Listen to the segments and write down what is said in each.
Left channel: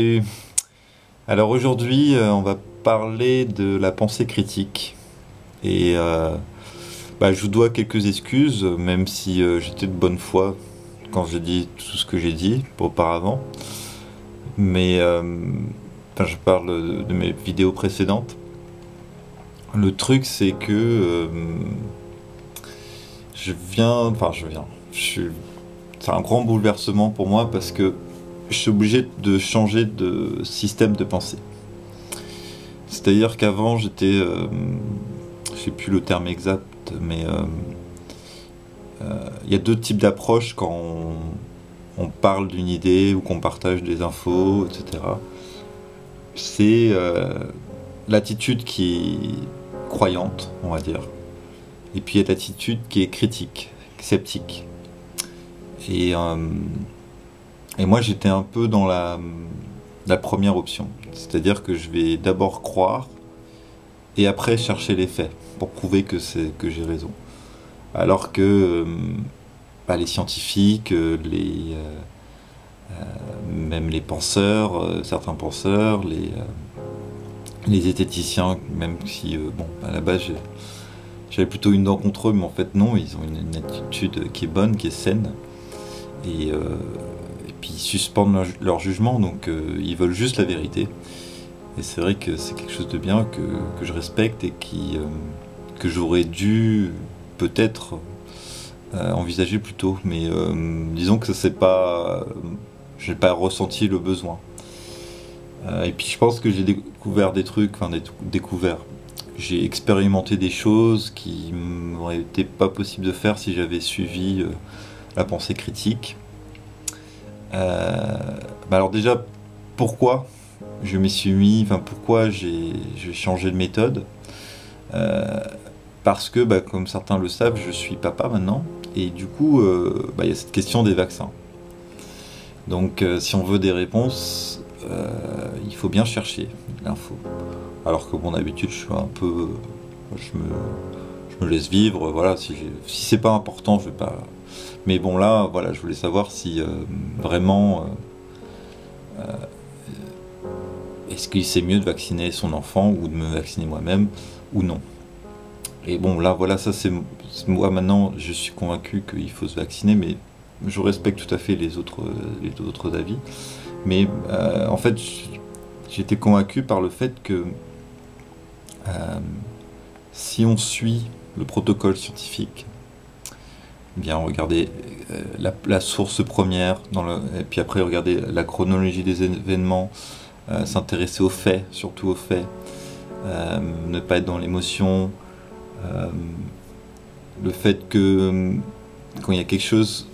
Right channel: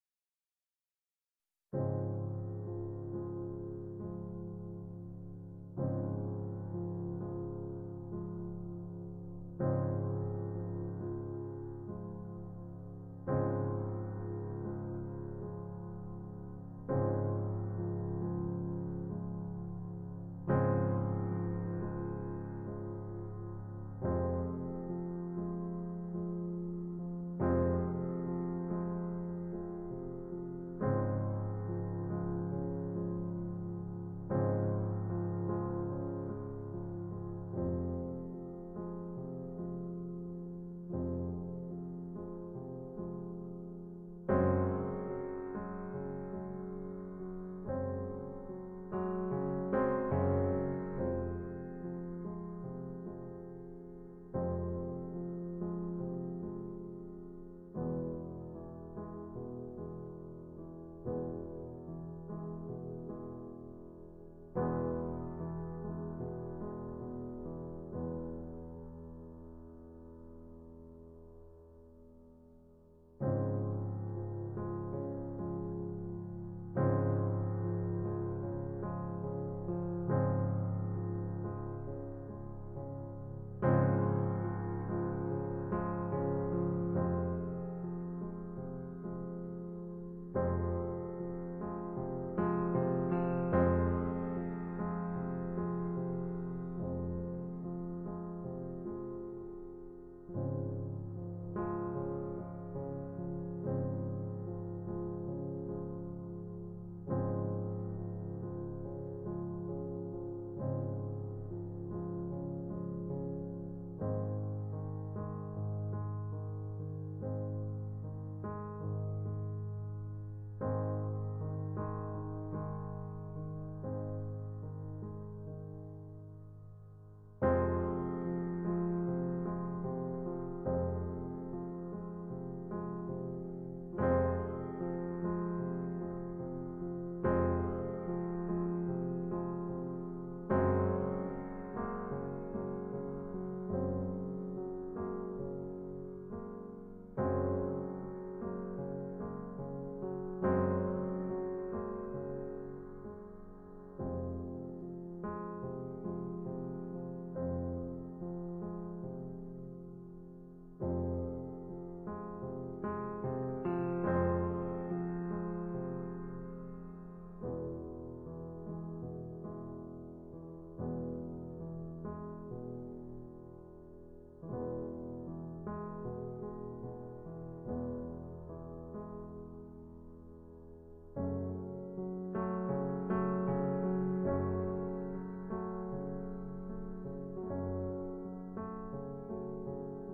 Et alors aujourd'hui, on va parler de la pensée critique. Et je vous dois quelques excuses, même si j'étais de bonne foi quand j'ai dit tout ce que j'ai dit auparavant. Mais je parle de mes vidéos précédentes. Le truc, c'est que c'est un grand bouleversement pour moi parce que je suis obligé de changer de système de pensée. C'est-à-dire qu'avant, je sais plus le terme exact, mais il y a deux types d'approches quand on parle d'une idée ou qu'on partage des infos, etc. C'est l'attitude qui est croyante, on va dire, et puis il y a l'attitude qui est critique, sceptique. Et, euh, et moi, j'étais un peu dans la première option, c'est-à-dire que je vais d'abord croire et après chercher les faits pour prouver que j'ai raison. Alors que les scientifiques, même les penseurs, certains penseurs, les zététiciens, même si à la base j'avais plutôt une dent contre eux, mais en fait non, ils ont une attitude qui est bonne, qui est saine, et puis ils suspendent leur jugement, donc ils veulent juste la vérité. Et c'est vrai que c'est quelque chose de bien que je respecte et que j'aurais dû peut-être envisager plus tôt. Mais disons que j'ai pas ressenti le besoin. Et puis je pense que j'ai découvert des trucs, découvert. J'ai expérimenté des choses qui m'auraient été pas possible de faire si j'avais suivi la pensée critique. Alors déjà, pourquoi je m'y suis mis, pourquoi j'ai changé de méthode. Parce que, comme certains le savent, je suis papa maintenant, et du coup, il y a cette question des vaccins. Donc, si on veut des réponses, il faut bien chercher l'info. Alors que, d'habitude, je suis un peu, je me laisse vivre. Voilà, si c'est pas important, je vais pas. Mais bon, là, voilà, je voulais savoir si vraiment. Est-ce que c'est mieux de vacciner son enfant ou de me vacciner moi-même ou non? Et bon, là, voilà, ça c'est moi maintenant, je suis convaincu qu'il faut se vacciner, mais je respecte tout à fait les autres avis. Mais en fait, j'étais convaincu par le fait que si on suit le protocole scientifique, eh bien regardez la source première, et puis après regardez la chronologie des événements, s'intéresser aux faits, surtout aux faits, ne pas être dans l'émotion, le fait que quand il y a quelque chose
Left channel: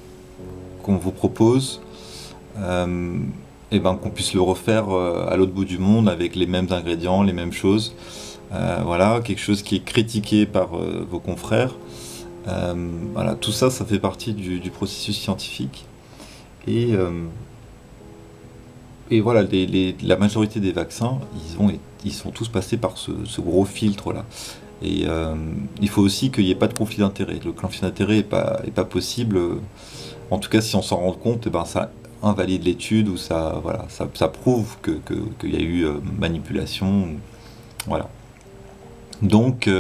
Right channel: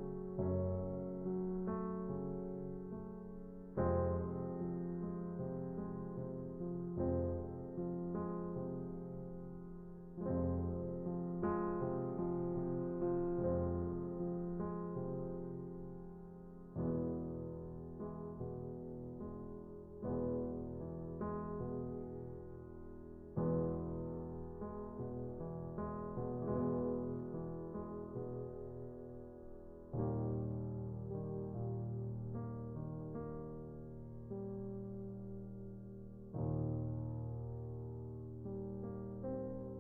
qu'on vous propose, qu'on puisse le refaire à l'autre bout du monde avec les mêmes ingrédients, les mêmes choses. Voilà, quelque chose qui est critiqué par vos confrères. Voilà, tout ça, ça fait partie du processus scientifique. Et voilà, la majorité des vaccins, ils sont tous passés par ce gros filtre-là. Et il faut aussi qu'il n'y ait pas de conflit d'intérêt. Le conflit d'intérêt est pas possible. En tout cas, si on s'en rend compte, ça invalide l'étude ou ça prouve qu'il y a eu manipulation. Voilà. Donc,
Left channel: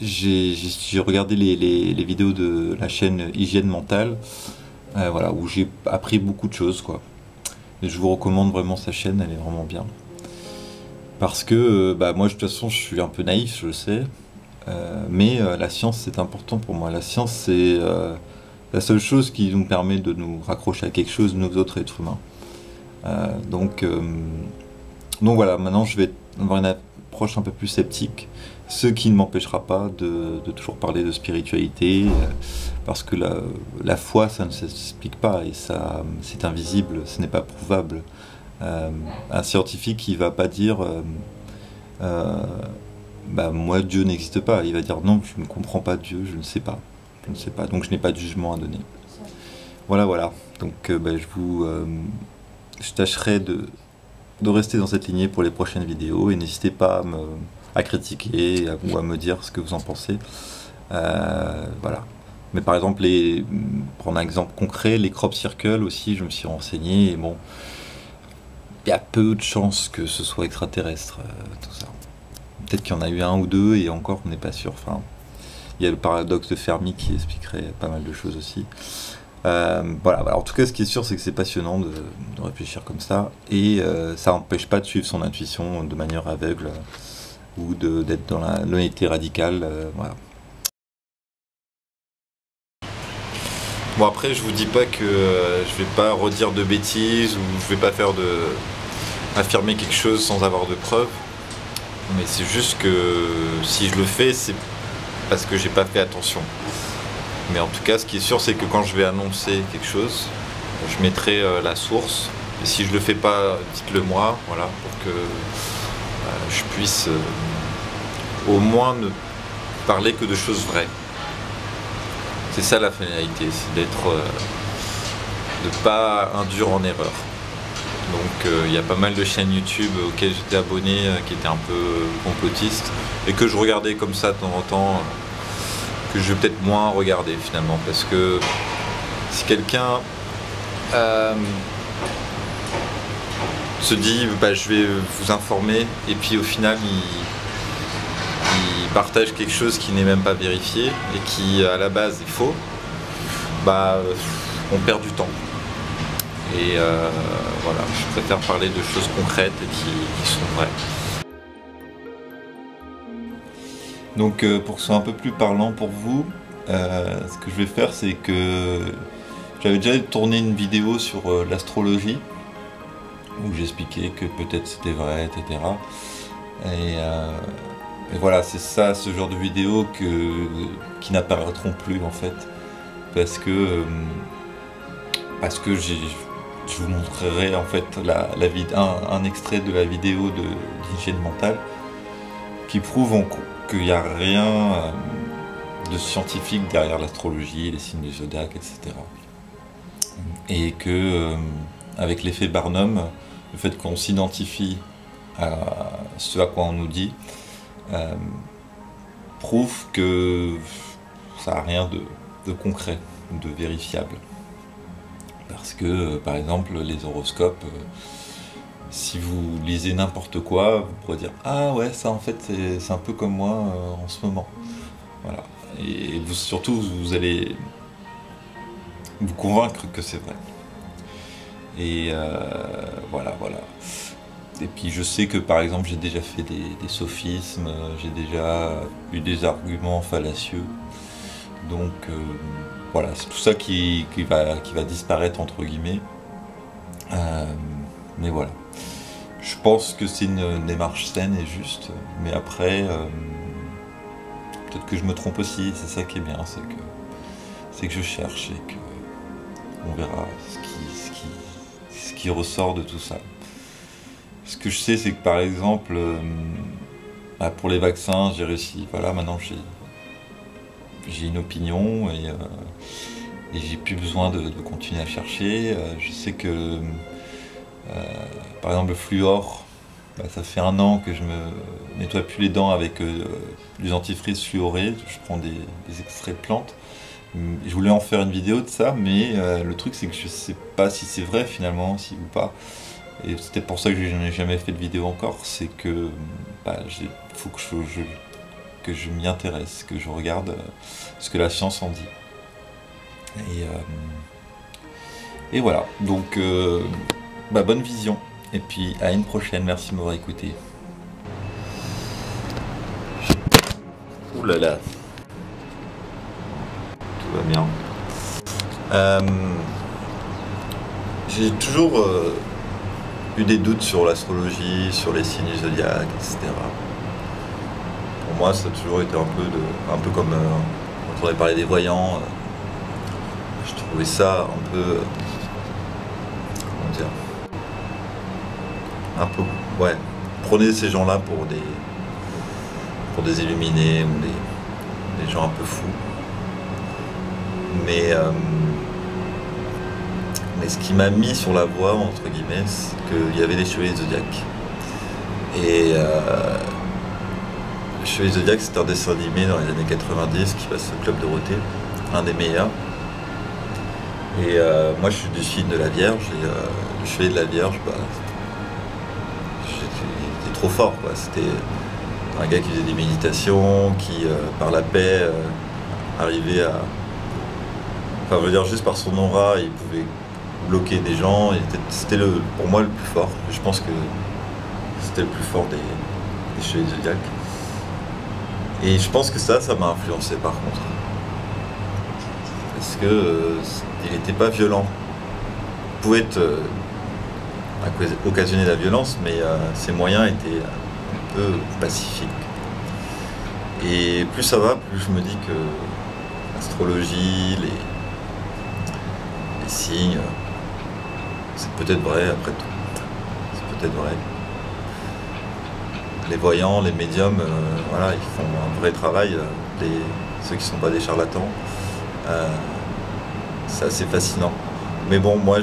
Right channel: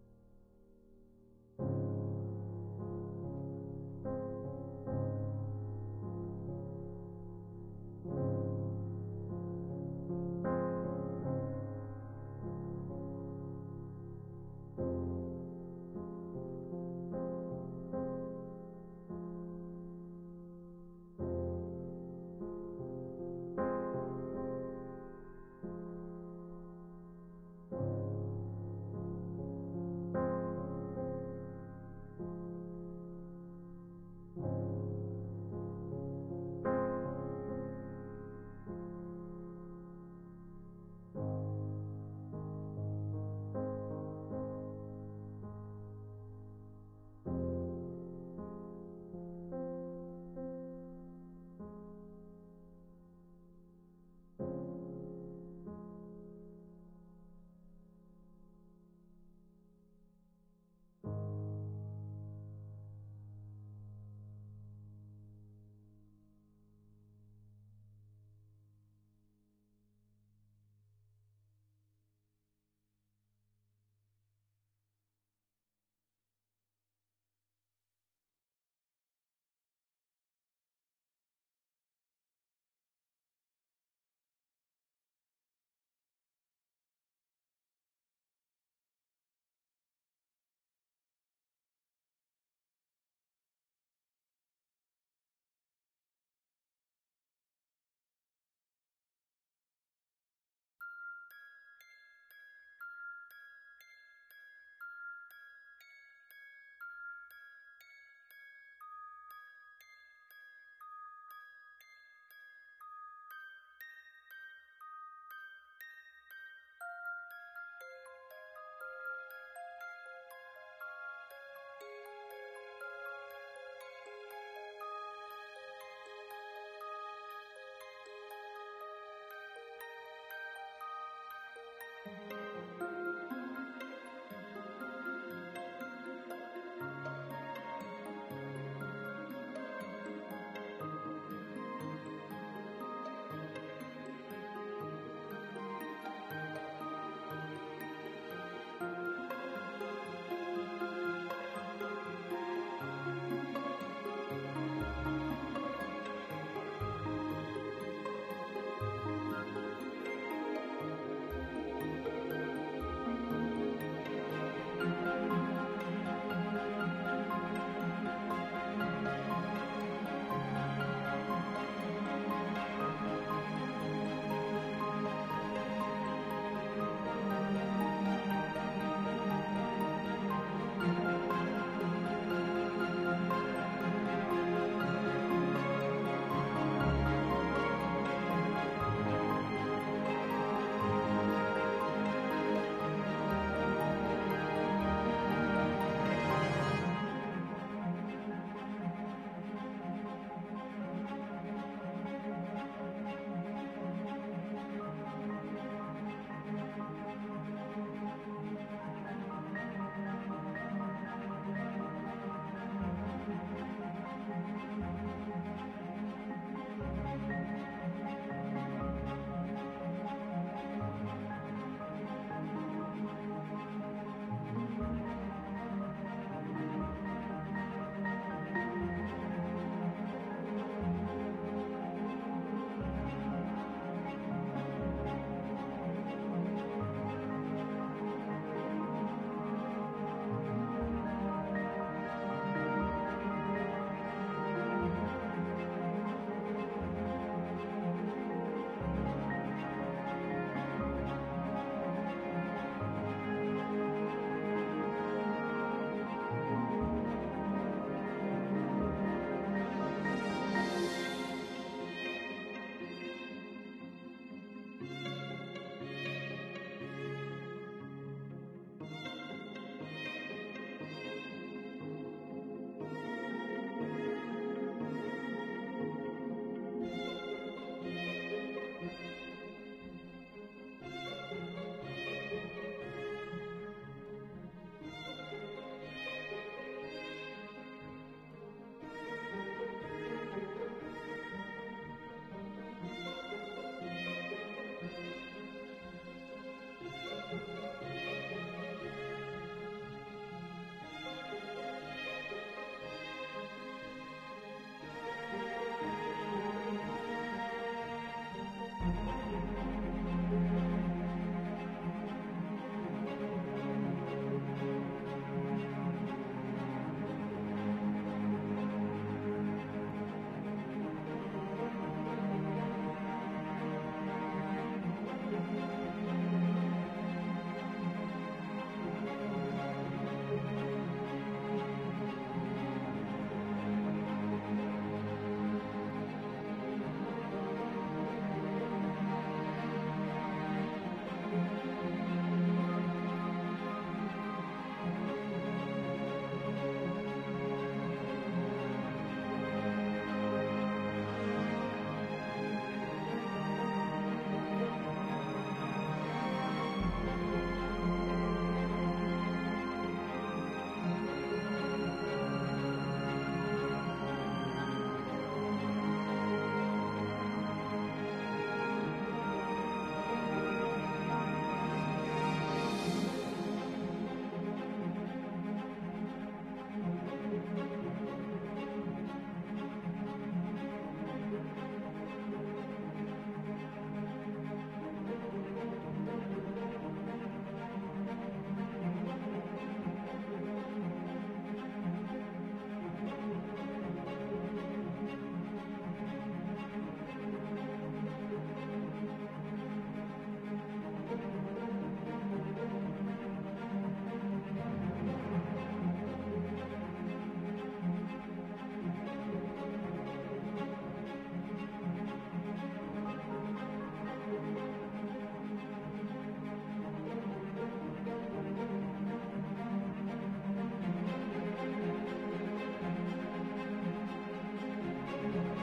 j'ai regardé les vidéos de la chaîne Hygiène Mentale, où j'ai appris beaucoup de choses, quoi. Et je vous recommande vraiment sa chaîne, elle est vraiment bien. Parce que moi de toute façon je suis un peu naïf, je le sais, mais la science c'est important pour moi. La science c'est la seule chose qui nous permet de nous raccrocher à quelque chose, nous autres êtres humains. Donc voilà, maintenant je vais avoir une approche un peu plus sceptique, ce qui ne m'empêchera pas de toujours parler de spiritualité, parce que la foi ça ne s'explique pas et ça c'est invisible, ce n'est pas prouvable. Un scientifique il va pas dire moi Dieu n'existe pas, il va dire non, je ne comprends pas Dieu, je ne sais pas, donc je n'ai pas de jugement à donner. Voilà, donc je tâcherai de rester dans cette lignée pour les prochaines vidéos et n'hésitez pas à critiquer ou à me dire ce que vous en pensez. Voilà, Mais par exemple, prendre un exemple concret, les crop circles aussi, je me suis renseigné, et bon, il y a peu de chances que ce soit extraterrestre, tout ça. Peut-être qu'il y en a eu un ou deux, et encore, on n'est pas sûr. Enfin, il y a le paradoxe de Fermi qui expliquerait pas mal de choses aussi. Voilà, en tout cas, ce qui est sûr, c'est que c'est passionnant de réfléchir comme ça, et ça n'empêche pas de suivre son intuition de manière aveugle, ou d'être dans l'honnêteté radicale. Voilà. Bon, après, je vous dis pas que je vais pas redire de bêtises, ou je vais pas affirmer quelque chose sans avoir de preuves, mais c'est juste que si je le fais, c'est parce que j'ai pas fait attention. Mais en tout cas, ce qui est sûr, c'est que quand je vais annoncer quelque chose, je mettrai la source. Et si je le fais pas, dites-le moi, voilà, pour que je puisse au moins ne parler que de choses vraies. C'est ça la finalité, c'est de pas induire en erreur. Donc il y a pas mal de chaînes YouTube auxquelles j'étais abonné, qui étaient un peu complotistes, et que je regardais comme ça de temps en temps, que je vais peut-être moins regarder finalement, parce que si quelqu'un se dit bah, je vais vous informer, et puis au final il partage quelque chose qui n'est même pas vérifié et qui à la base est faux, bah on perd du temps. Et voilà, je préfère parler de choses concrètes et qui sont vraies. Donc pour que ce soit un peu plus parlant pour vous, ce que je vais faire, c'est que j'avais déjà tourné une vidéo sur l'astrologie, où j'expliquais que peut-être c'était vrai, etc. Et voilà, c'est ça, ce genre de vidéos qui n'apparaîtront plus en fait, parce que je vous montrerai en fait un extrait de la vidéo d'hygiène mentale qui prouve qu'il n'y a rien de scientifique derrière l'astrologie, les signes du zodiaque, etc. Et que avec l'effet Barnum, le fait qu'on s'identifie à ce à quoi on nous dit, prouve que ça n'a rien de concret, de vérifiable. Parce que, par exemple, les horoscopes, si vous lisez n'importe quoi, vous pourrez dire « Ah ouais, ça en fait, c'est un peu comme moi en ce moment. » Voilà. Et surtout, vous allez vous convaincre que c'est vrai. Et voilà. Et puis je sais que par exemple j'ai déjà fait des sophismes, j'ai déjà eu des arguments fallacieux. Donc voilà, c'est tout ça qui va disparaître entre guillemets. Mais voilà. Je pense que c'est une démarche saine et juste. Mais après, peut-être que je me trompe aussi, c'est ça qui est bien, c'est que je cherche et que on verra ce qui ressort de tout ça. Ce que je sais, c'est que par exemple, pour les vaccins, j'ai réussi. Voilà, maintenant j'ai une opinion et j'ai plus besoin de continuer à chercher. Je sais que, par exemple, le fluor, ça fait 1 an que je me nettoie plus les dents avec du dentifrice fluoré. Je prends des extraits de plantes. Je voulais en faire une vidéo de ça, mais le truc c'est que je sais pas si c'est vrai finalement, si ou pas. Et c'est peut-être pour ça que je n'ai jamais fait de vidéo encore, c'est que faut que je m'y intéresse, que je regarde ce que la science en dit. Et voilà, donc bonne vision, et puis à une prochaine, merci de m'avoir écouté. Ouh là là, tout va bien. J'ai toujours eu des doutes sur l'astrologie, sur les signes du zodiaque, etc. Pour moi, ça a toujours été un peu comme quand on avait parlé des voyants. Je trouvais ça un peu, comment dire, un peu, ouais, prenez ces gens-là pour des illuminés ou des gens un peu fous. Mais ce qui m'a mis sur la voie, entre guillemets, c'est qu'il y avait des chevaliers zodiaques. Et les chevaliers zodiaques, c'est un dessin animé dans les années 90 qui passe au Club Dorothée. un des meilleurs. Et moi je suis du signe de la Vierge et le chevalier de la Vierge, bah, j'étais trop fort quoi. C'était un gars qui faisait des méditations, qui par la paix arrivait à... Enfin je veux dire juste par son aura, il pouvait bloquer des gens. C'était pour moi le plus fort. Je pense que c'était le plus fort des chevaliers zodiaques. Et je pense que ça m'a influencé par contre. Parce que il n'était pas violent. Il pouvait occasionner la violence, mais ses moyens étaient un peu pacifiques. Et plus ça va, plus je me dis que l'astrologie, les signes, c'est peut-être vrai après tout. C'est peut-être vrai. Les voyants, les médiums, voilà, ils font un vrai travail. Ceux qui ne sont pas des charlatans. C'est assez fascinant. Mais bon, moi,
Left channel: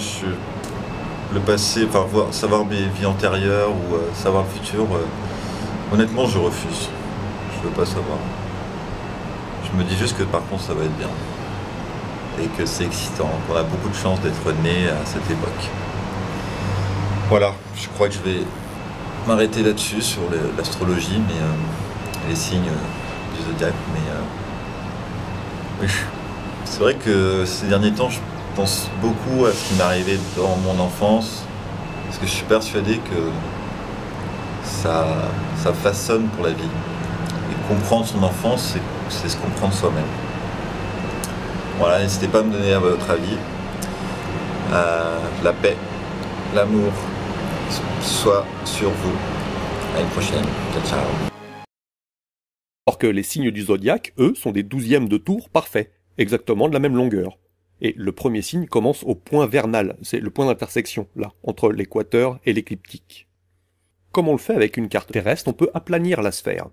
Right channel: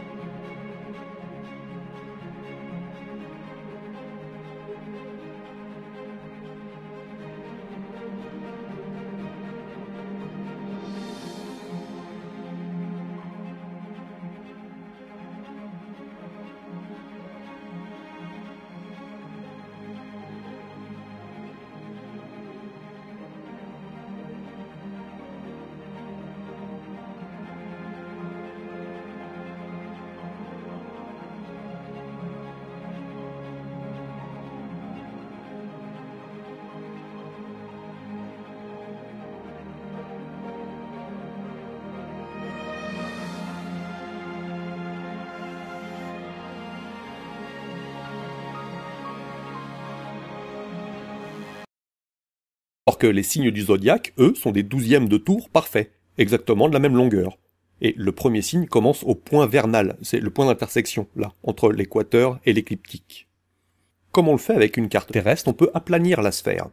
le passé, enfin, savoir mes vies antérieures ou savoir le futur, honnêtement, je refuse. Je veux pas savoir. Je me dis juste que par contre, ça va être bien. Et que c'est excitant, qu'on a beaucoup de chance d'être né à cette époque. Voilà, je crois que je vais m'arrêter là-dessus, sur l'astrologie, mais les signes du zodiaque. Mais c'est vrai que ces derniers temps, je pense beaucoup à ce qui m'est arrivé dans mon enfance, parce que je suis persuadé que ça façonne pour la vie. Et comprendre son enfance, c'est se comprendre soi-même. Voilà, n'hésitez pas à me donner votre avis. La paix, l'amour soit sur vous. À une prochaine. Ciao, ciao. Alors que les signes du zodiaque, eux, sont des 12e de tour parfaits, exactement de la même longueur. Et le premier signe commence au point vernal, c'est le point d'intersection, là, entre l'équateur et l'écliptique. Comme on le fait avec une carte terrestre, on peut aplanir la sphère.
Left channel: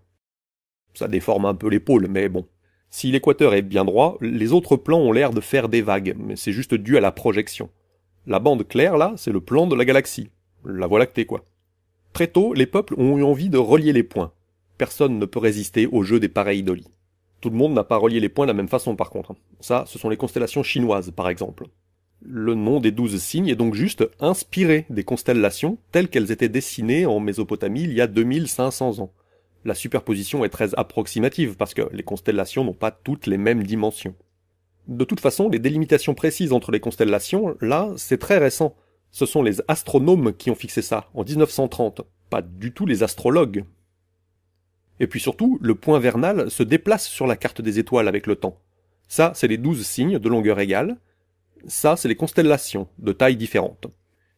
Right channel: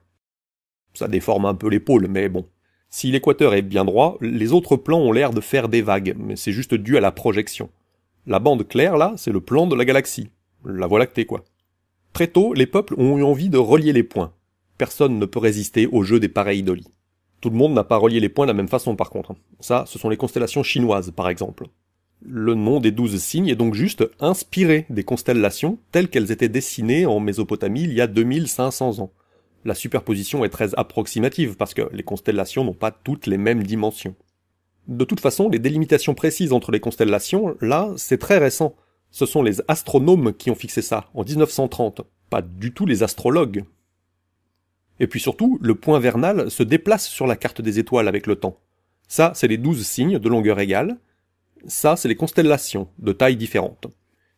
Ça déforme un peu les pôles, mais bon. Si l'équateur est bien droit, les autres plans ont l'air de faire des vagues, mais c'est juste dû à la projection. La bande claire, là, c'est le plan de la galaxie. La Voie lactée, quoi. Très tôt, les peuples ont eu envie de relier les points. Personne ne peut résister au jeu des pareidolie. Tout le monde n'a pas relié les points de la même façon, par contre. Ça, ce sont les constellations chinoises, par exemple. Le nom des 12 signes est donc juste inspiré des constellations telles qu'elles étaient dessinées en Mésopotamie il y a 2500 ans. La superposition est très approximative, parce que les constellations n'ont pas toutes les mêmes dimensions. De toute façon, les délimitations précises entre les constellations, là, c'est très récent. Ce sont les astronomes qui ont fixé ça, en 1930, pas du tout les astrologues. Et puis surtout, le point vernal se déplace sur la carte des étoiles avec le temps. Ça, c'est les 12 signes de longueur égale. Ça, c'est les constellations, de tailles différentes.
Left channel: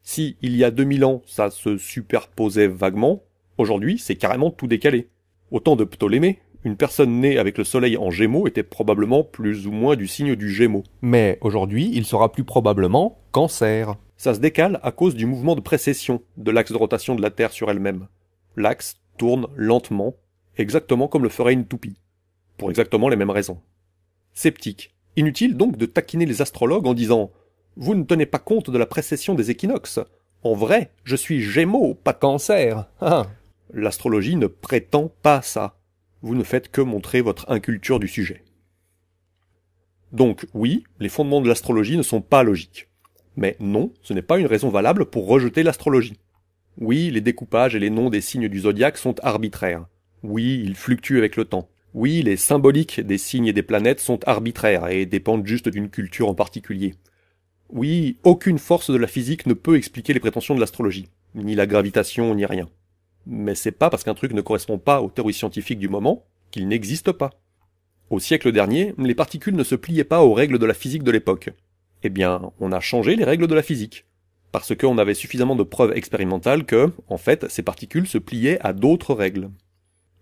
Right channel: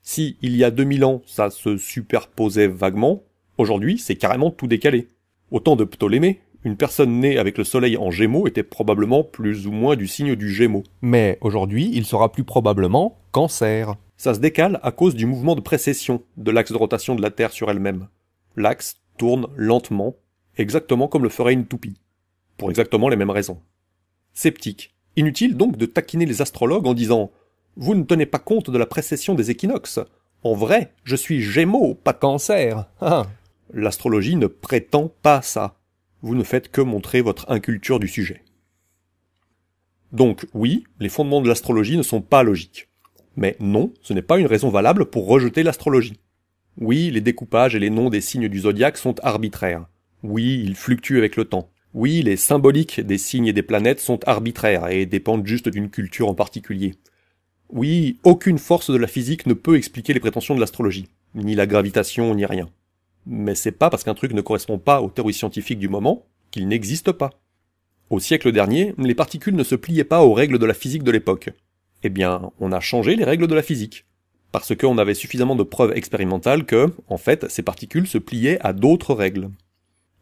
Si, il y a 2000 ans, ça se superposait vaguement, aujourd'hui, c'est carrément tout décalé. Au temps de Ptolémée, une personne née avec le soleil en Gémeaux était probablement plus ou moins du signe du Gémeaux. Mais aujourd'hui, il sera plus probablement Cancer. Ça se décale à cause du mouvement de précession de l'axe de rotation de la Terre sur elle-même. L'axe tourne lentement, exactement comme le ferait une toupie. Pour exactement les mêmes raisons. Sceptique. Inutile donc de taquiner les astrologues en disant « Vous ne tenez pas compte de la précession des équinoxes. En vrai, je suis Gémeaux, pas Cancer. Ah. » L'astrologie ne prétend pas ça. Vous ne faites que montrer votre inculture du sujet. Donc oui, les fondements de l'astrologie ne sont pas logiques. Mais non, ce n'est pas une raison valable pour rejeter l'astrologie. Oui, les découpages et les noms des signes du zodiaque sont arbitraires. Oui, ils fluctuent avec le temps. Oui, les symboliques des signes et des planètes sont arbitraires et dépendent juste d'une culture en particulier. Oui, aucune force de la physique ne peut expliquer les prétentions de l'astrologie, ni la gravitation, ni rien. Mais c'est pas parce qu'un truc ne correspond pas aux théories scientifiques du moment qu'il n'existe pas. Au siècle dernier, les particules ne se pliaient pas aux règles de la physique de l'époque. Eh bien, on a changé les règles de la physique. Parce qu'on avait suffisamment de preuves expérimentales que, en fait, ces particules se pliaient à d'autres règles.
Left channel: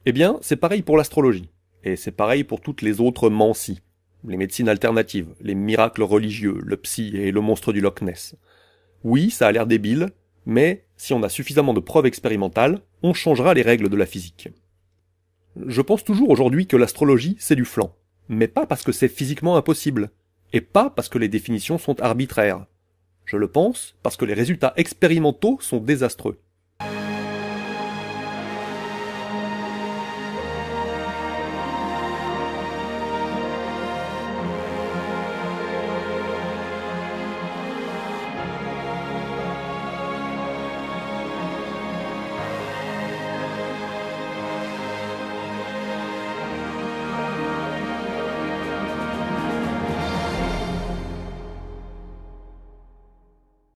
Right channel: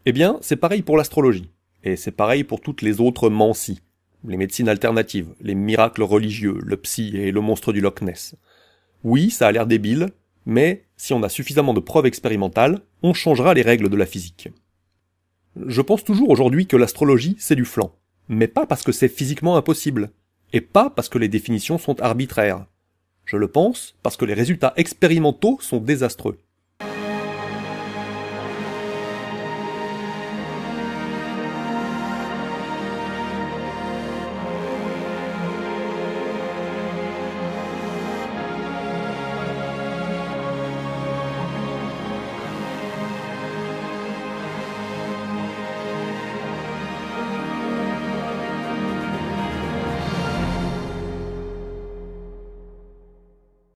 Eh bien, c'est pareil pour l'astrologie. Et c'est pareil pour toutes les autres mancies. Les médecines alternatives, les miracles religieux, le psy et le monstre du Loch Ness. Oui, ça a l'air débile, mais si on a suffisamment de preuves expérimentales, on changera les règles de la physique. Je pense toujours aujourd'hui que l'astrologie, c'est du flan. Mais pas parce que c'est physiquement impossible. Et pas parce que les définitions sont arbitraires. Je le pense parce que les résultats expérimentaux sont désastreux.